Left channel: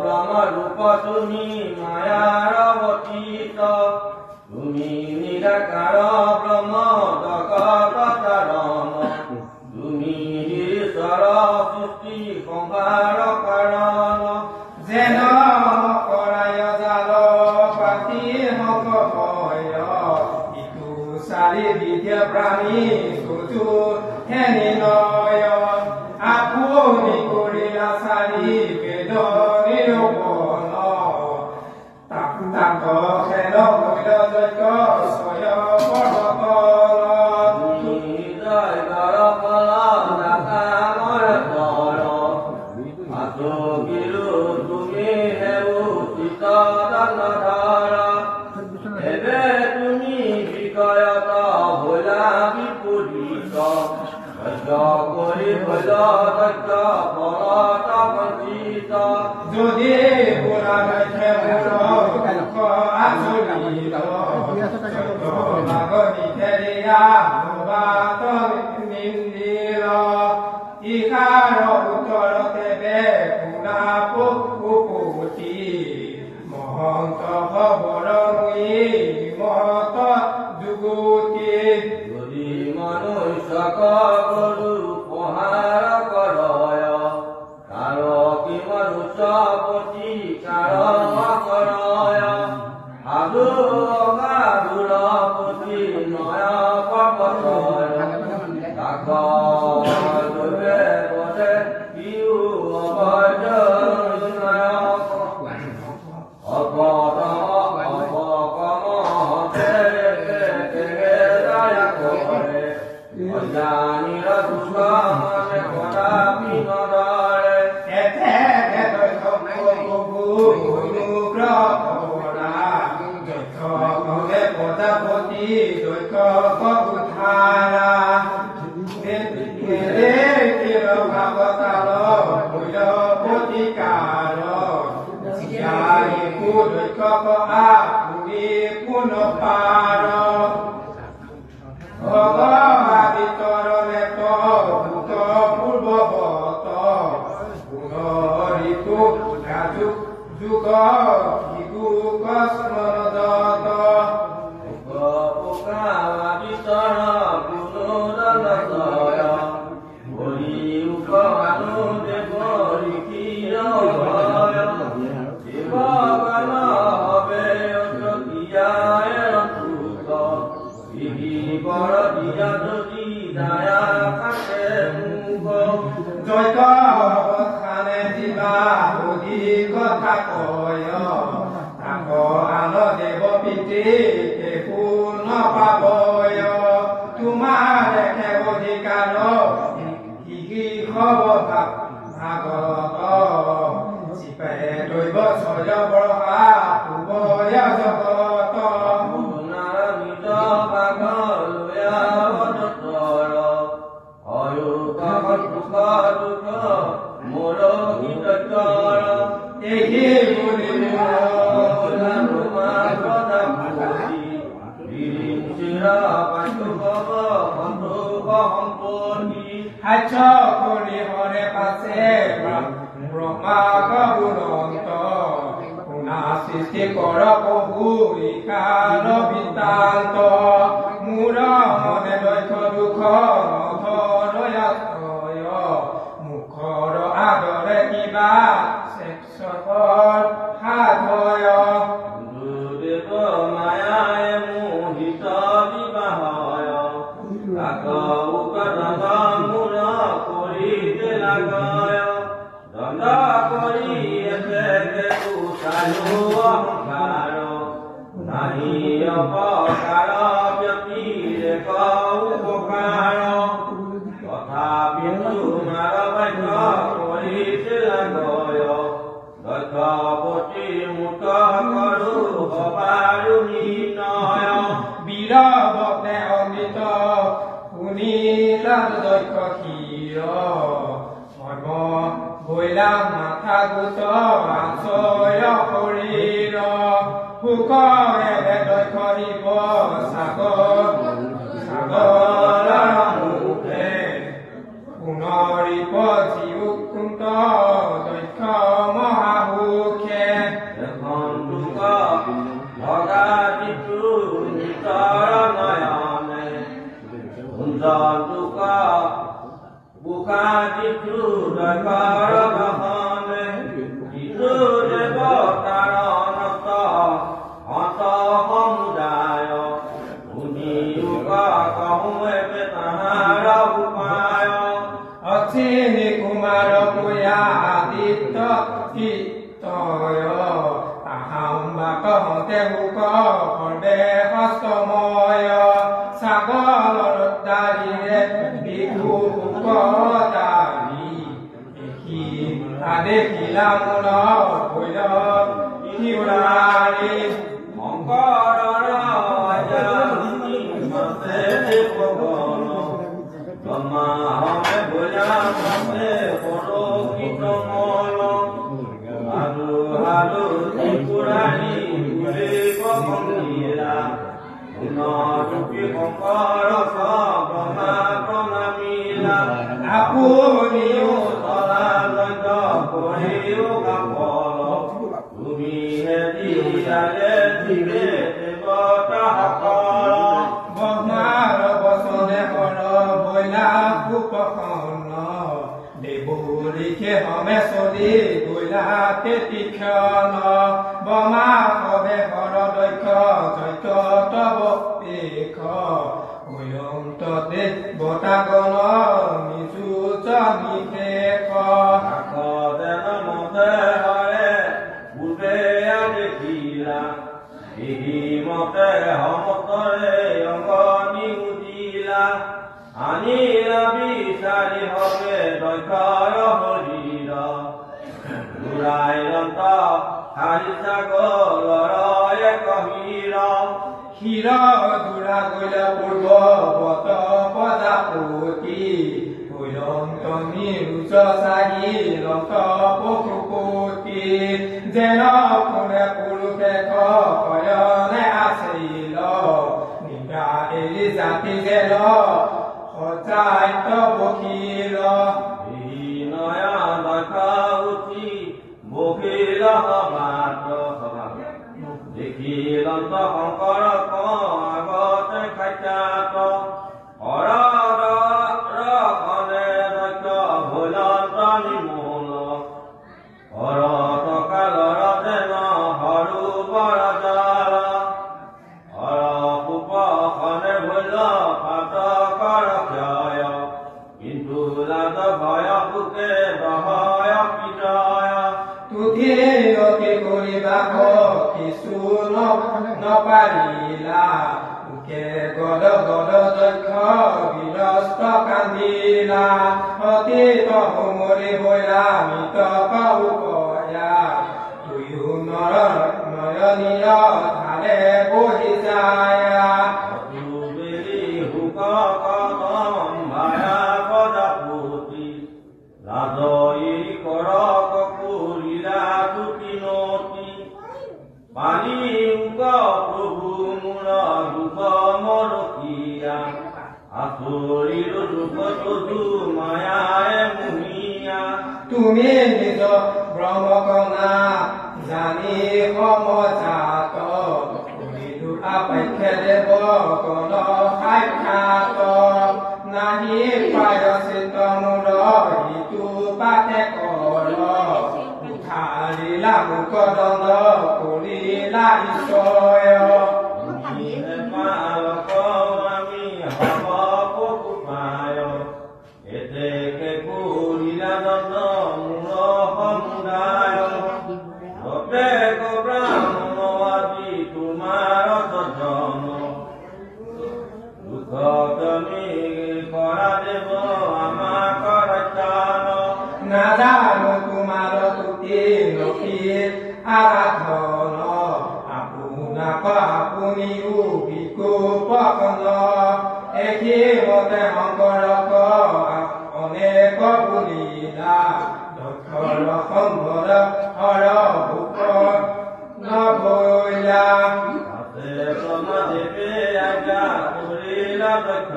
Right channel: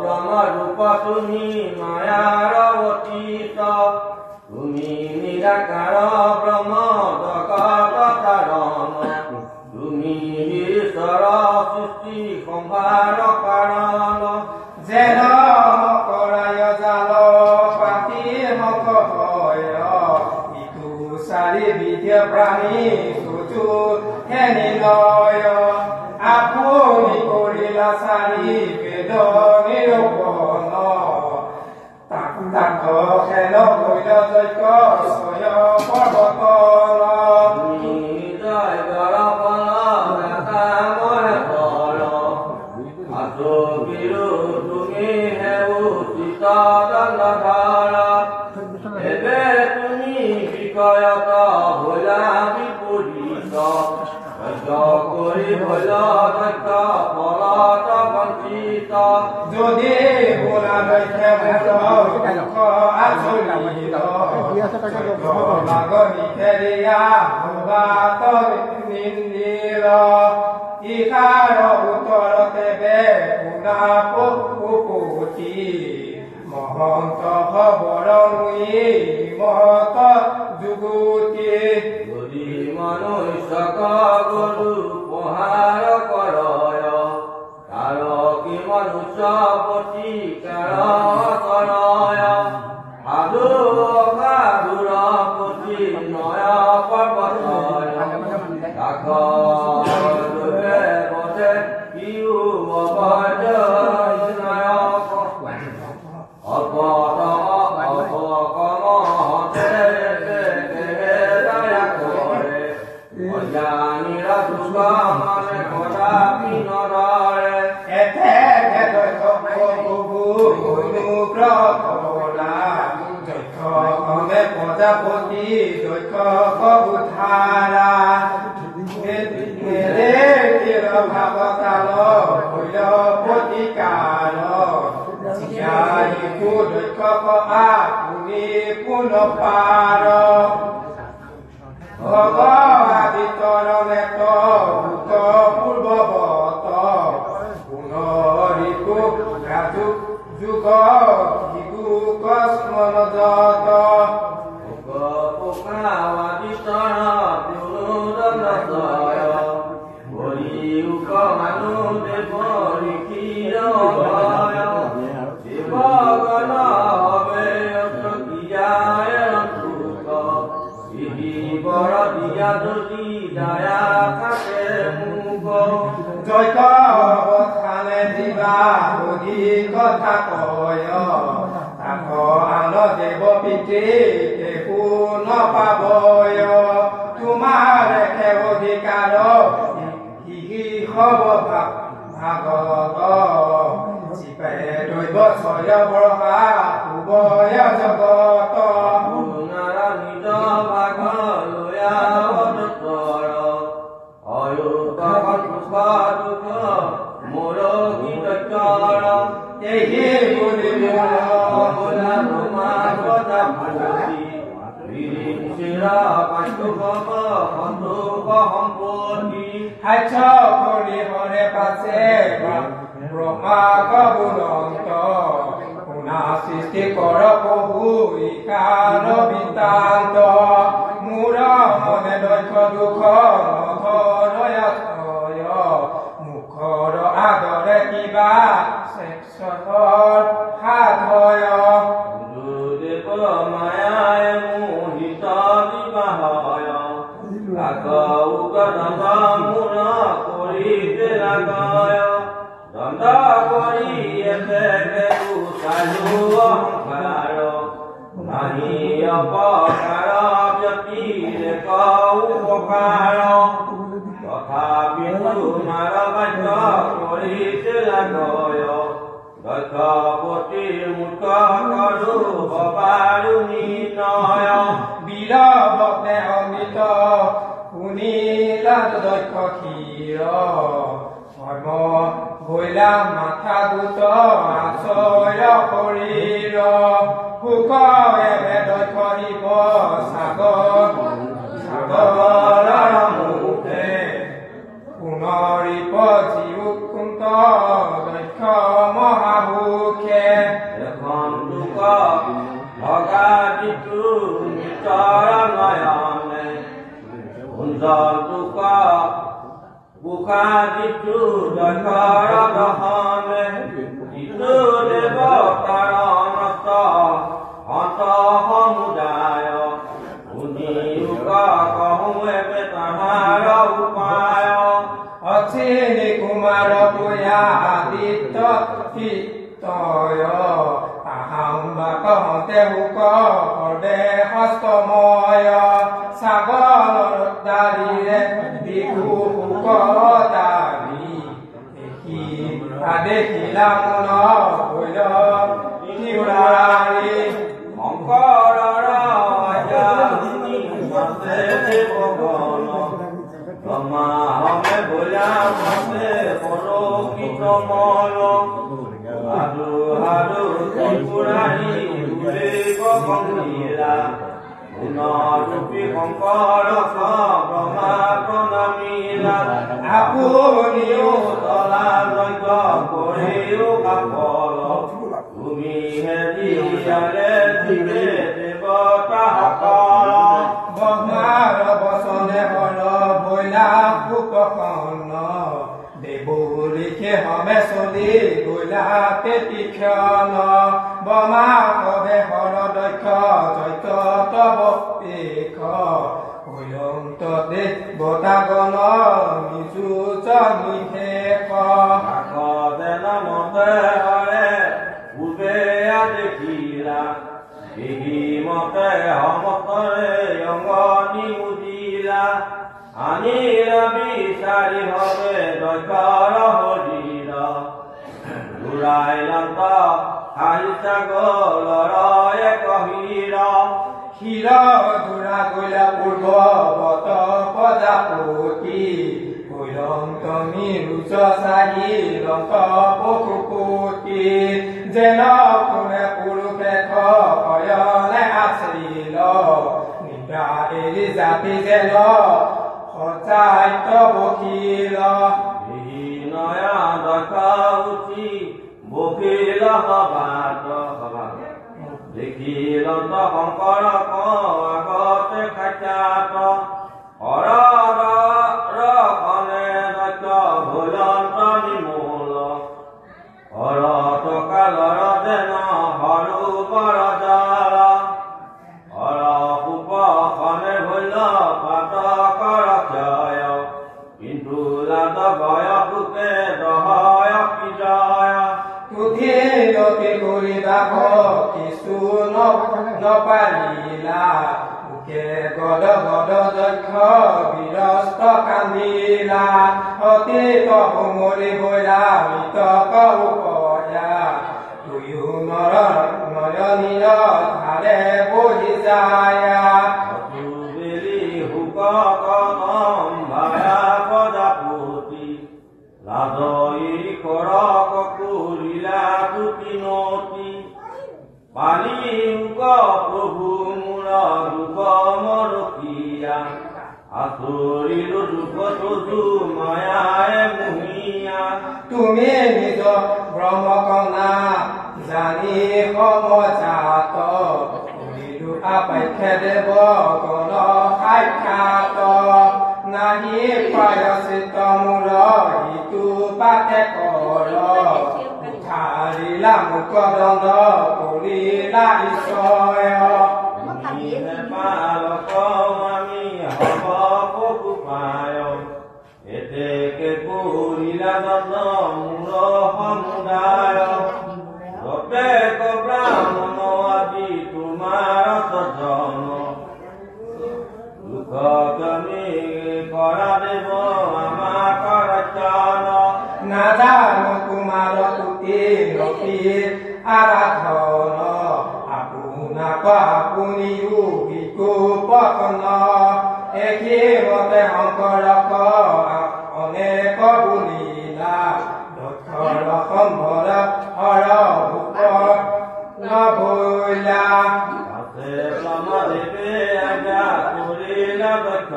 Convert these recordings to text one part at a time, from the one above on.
ব্ৰহ্ম ৰূপ তুমি মায়াৰ অতীত তুমি নিৰাকাৰ ব্ৰহ্ম জগৎ কাৰণ তুমি ঈশ্বৰ সৃষ্টি সংহাৰ কাৰণ যেন কৰায় জাল পাতি হক হয় ইটো চাৰিবিধে প্ৰাণী চুচু হেনি নয় আপুনি কৰিলা চাৰি বেদ নিৰূপণ তাক খেল কৈল যজ্ঞ ছয় পৰ্বতন তুমি জয় জৰ ফল দাতা মোৰ ফল আছো বিৰু তুমি হেউ চিতদণ্ডধৰ এবে তুমি বিকয়ত ভোলা বিপৰীত যজ্ঞ কৰি ভল যজ্ঞ ফলত বঞ্চিত যদি বোলা লক্ষ্যে মুখ আচৰিত লাগনি ফেৰিয়া ভূবাত নিন্দিল ইকাৰ উত্তৰতে বে শুনা পুপুতি মহন্ত বৰণী মহত যুগুতি যদি মনুষ্যক গৰু পহাৰ কৰয় তাৰ কি মনুষ্য পতি কাৰ কৰয় সাধু অসাধুৰ পতি নয় পৰ্বতয় কাষ গলে পথে পিউ অবৈধ নায়ক প্ৰজাপতি দক্ষ উঠাৰা ভাৱকাল হৈল প্ৰতিকাৰ দক্ষ আপুনি পুনঃপাৰ ভগৱাদিতৰ মেত ভূত পূৰ্বৱত পুনৰিতু ৰাজু যুগ যুগ স্মৰণ যত জয়খানে দিবা অধিক কথা কয় তাক আন দেৱ পিতৃ একো নপাবয় তোমাৰ অধিকাৰ ভাগত চিপে দৈৱ ছয় বৰষা উভয় জগত নিজ ভাগ লয়া দুখ মোৰ এই বুলি হাস্য কৰি হৰে পাছে ব্ৰহ্মা বুৰন্ত শুনা সৃষ্টি কৰ প্ৰভু ইকাৰ বৃত্তান্ত মোৰ মনে দক্ষ দুখ নধৰয় মুখৰ আদৰে কিবা সাধয় গুৰুদেৱ মায়াই মোহিত বিবাহয় মূৰ কৰিতে লাগয় দণ্ড কৰি চালু অহংকাৰ নাহি অপকাৰ ব্যতিৰে উপকাৰ তথাপি তোমাৰ বাক্য কৰিতে লাগয় দক্ষপতি মুক্ত কৰো পাৰো নিৰ্ণয় বীৰভক্তে অমৃত শুনিলা দক্ষ ক্ষীৰ ধৰ্ম ভৈলা মাথা গোট আচয় শৰীৰ সুখে দক্ষ শিৱ সাগৰৰ মুখে পুনৰিপ জীউকুন্ত দক্ষ মহাসুখে ভগা দিটো নিত নয়নে সুন্দৰ বুকা যিচু দৈখৰ দহনে যিচু দেৱতাৰ নষ্ট হত সমুদায় শুনি কহুৱে তাহাৰ উপায় অচিনি কুমাৰ পুয়া আদিত্য তয় আহাম বা কহতে হুক সৰ্বে হস্তময় সাগৰৰ দাৰিৰে বিহু হুক দাৰি দেখি আদেখিলা মন হৈল তিৱাৰী শংকৰৰ ভগৱান হমে ভোলা মতে পৰকিত মল হাৰু হাৰু ত্ৰিপুৰাৰী গংগীলা পুনৰূপী শংকৰ ব্ৰহ্মা প্ৰণামীলা আপুনিও তলা লক্ষ্য কৰিও কাপল তুমিহে দিয়ালে দিবে দেৱতাসকল ব্ৰহ্মাৰ বচনে বল বৈলা উপকৰ্ণ দেৱলীকে হমে চলি গৈলা তীক্ষণ ব্ৰহ্মা সভে হৰ দক্ষ দৈত্য তব পেখ অয়ন্ত দেৱতাগণ নিযুত নিশেষ যেন মতে হয় পূৰ্বে দেখিলা মতে সমতৰে অংগনি উদিলা আনিলা বিচাৰি হবে দৈত্যৰ শৰীৰ ঘূৰাই লন্ত আহিছা গলৰ এক ক্ষীৰ ঘূৰা গৈলা পূৰ্ববত প্ৰজাপতি কৈলন্ত নিৰুচ চাহি লন্ত পশুপতি যেন কোনে পুৰুষে কয়নে আছিল নিকা এৰি জাতি যেন সচাইত বকিল নয়া দেখা উঠি বকিল সভাত দেখিলন্ত শংকৰ আগতে খাদ্যাত হৰনে দক্ষ ভোলন্ত নিমূল হৰত কালৰ যেন সৰু বৰজাল হৰ উপখনে ভোল পাতকৰ ক্ষয় কিন্তু লাজ ভয় বুকে দহয় বিজয় তুধি অতি কৰিবা কিছু নপাৰিলা বুকে গদ গদ দক্ষ বিৰস্ত কান্দিলা অতীত সুমৰি বৈৰা মৃত কয়া তুয়ো নয়নীৰ ধাৰে বহি যায় হুক ভায়া প্ৰজাপতি লাজৰি কৰক কৰিলা দুটিনতি পানী হুক প্ৰভু মূৰ ৰূপ মৰকীয়া আচৰিলো দুখ তজু মায়ায়ে মুহিয়া তুমি নিজ ব্ৰহ্মকণা জানি সমজাত কৰিলো আপাখ্যে দেৱ গণ সাক্ষাৎ নাহি পায় চিত মূৰ ইটো পাকে কৰ উঠাৰিলা মুখ দণ্ড কৰিলা ঈশ্বৰ আমি হব পশু পায় এতেকে কৰিলা দণ্ড মূৰ সমুদায় প্ৰত্যেক ব্ৰাহ্মণ আজি তোমাৰ সজন দুখ তুমি কৰা দেৱ আমাক ৰক্ষণ নাজানো তোমাৰ তুতি নতি আৰাধন আপোনাক আপুনিও বিকোপন একেমতে শংকৰক অনেক বুলিলা দক্ষৰ সম্ভৰ হৰ ভূপ নভৈলা ব্ৰহ্মদেৱে আজ্ঞা কৰিলা দক্ষ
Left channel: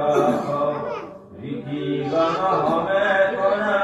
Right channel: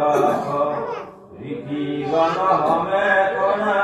ঋষিগণ হমে কৰা